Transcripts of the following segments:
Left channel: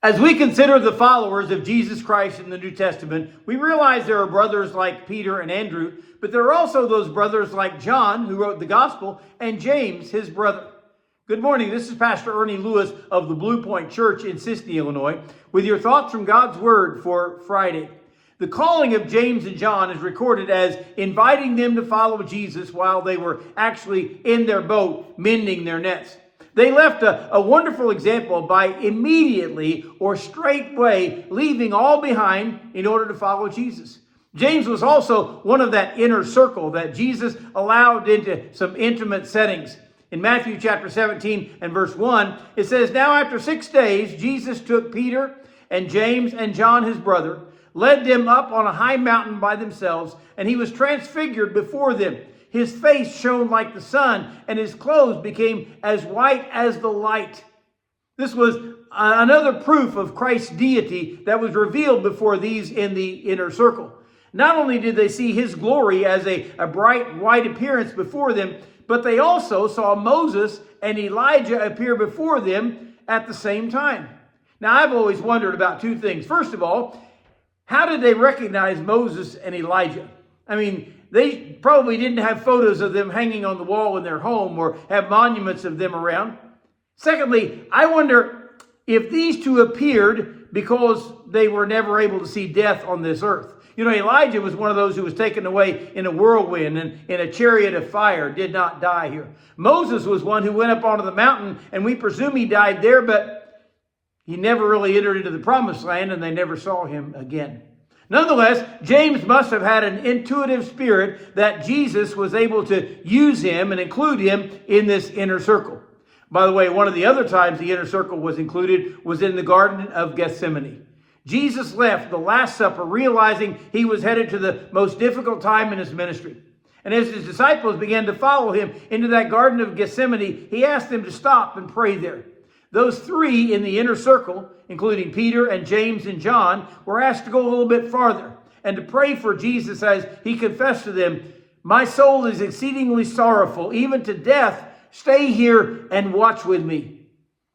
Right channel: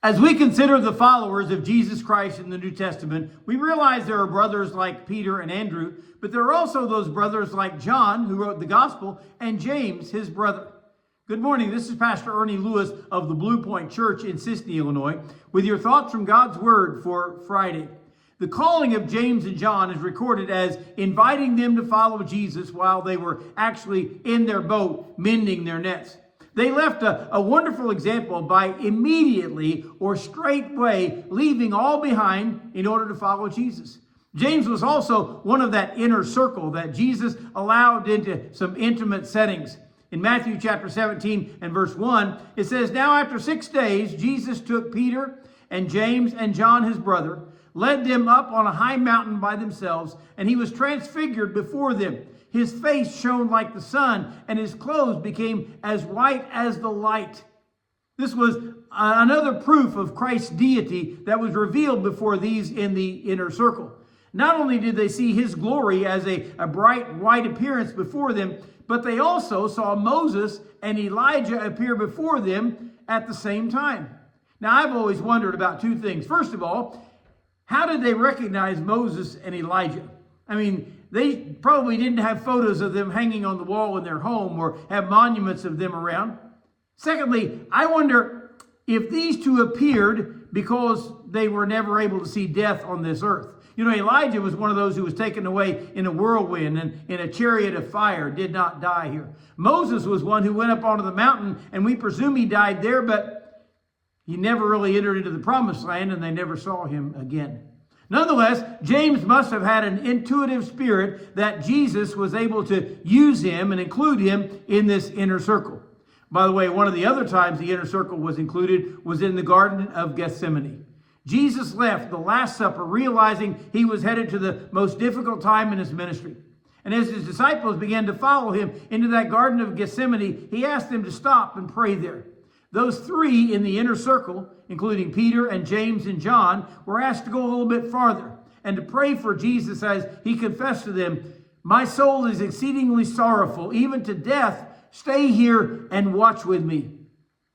As we consider the followers of Jesus Christ in the New Testament, we realize there are brothers like Peter and Andrew, but there are also those brothers like John, who wrote the gospel, and James, his brother. Good morning. This is Pastor Ernie Lewis of the Blue Point Church in Sisney, Illinois, with your thoughts from God's Word for Friday. The calling of James and John is recorded as inviting them to follow Jesus while they were actually in their boat mending their nets. They left a wonderful example by immediately or straightway leaving all behind in order to follow Jesus. James was also one of that inner circle that Jesus allowed into some intimate settings. In Matthew chapter 17 and verse 1, it says, "Now after 6 days, Jesus took Peter and James and John his brother, led them up on a high mountain by themselves, and he was transfigured before them. His face shone like the sun, and his clothes became as white as the light." This was another proof of Christ's deity that was revealed before these in the inner circle. Not only did they see his glory as a bright white appearance before them, but they also saw Moses and Elijah appear before them at the same time. Now, I've always wondered about two things. First of all, how did they recognize Moses and Elijah? I mean, they probably didn't have photos of them hanging on the wall in their home or have monuments of them around. Secondly, I wonder if these two appeared because they were never able to see death on this earth. You know, Elijah was one of those who was taken away in a whirlwind and in a chariot of fire, did not die here. Moses was one who went up onto the mountain, and we presume he died there, but he never really entered into the promised land, and they never saw him again. Nonetheless, James must have had an intuitive spirit that Jesus was able to use him and include him in this inner circle. By the way, one of the other times the inner circle was included was in the Garden of Gethsemane. Jesus left the Last Supper realizing he was headed to the most difficult time in his ministry. And as his disciples began to follow him into that Garden of Gethsemane, he asked them to stop and pray there. Those three in the inner circle, including Peter and James and John, were asked to go a little bit farther and to pray for Jesus as he confessed to them, "My soul is exceedingly sorrowful, even to death. Stay here and watch with me."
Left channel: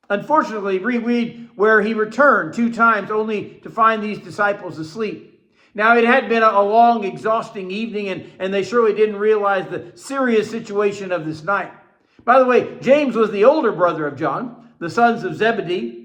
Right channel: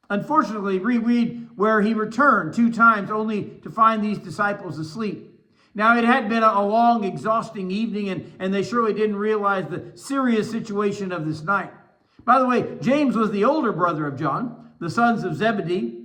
Unfortunately, we read where he returned 2 times only to find these disciples asleep. Now, it had been a long, exhausting evening, and they surely didn't realize the serious situation of this night. By the way, James was the older brother of John, the sons of Zebedee,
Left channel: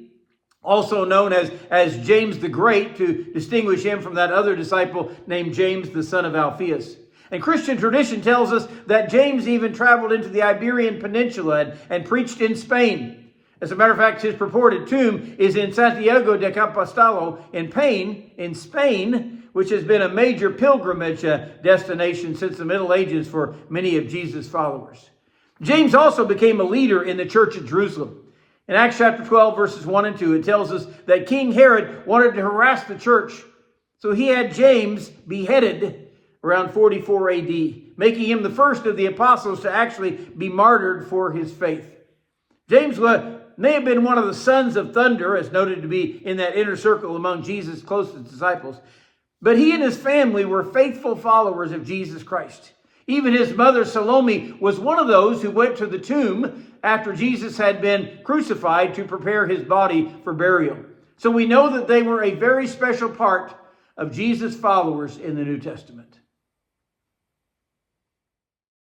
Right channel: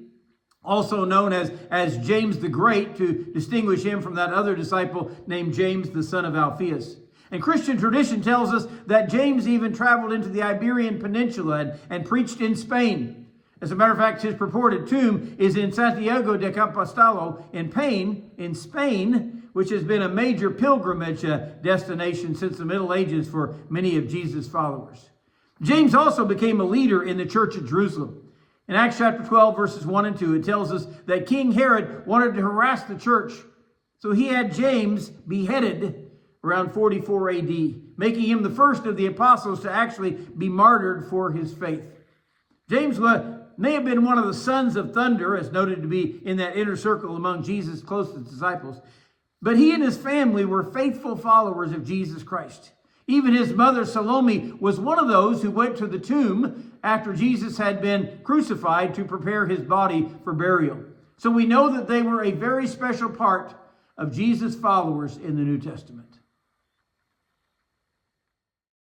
also known as James the Great, to distinguish him from that other disciple named James, the son of Alphaeus. And Christian tradition tells us that James even traveled into the Iberian Peninsula and preached in Spain. As a matter of fact, his purported tomb is in Santiago de Compostela in Spain, which has been a major pilgrimage destination since the Middle Ages for many of Jesus' followers. James also became a leader in the church at Jerusalem. In Acts chapter 12, verses 1 and 2, it tells us that King Herod wanted to harass the church. So he had James beheaded around 44 AD, making him the first of the apostles to actually be martyred for his faith. James may have been one of the sons of thunder, as noted to be in that inner circle among Jesus' closest disciples. But he and his family were faithful followers of Jesus Christ. Even his mother Salome was one of those who went to the tomb after Jesus had been crucified to prepare his body for burial. So we know that they were a very special part of Jesus' followers in the New Testament.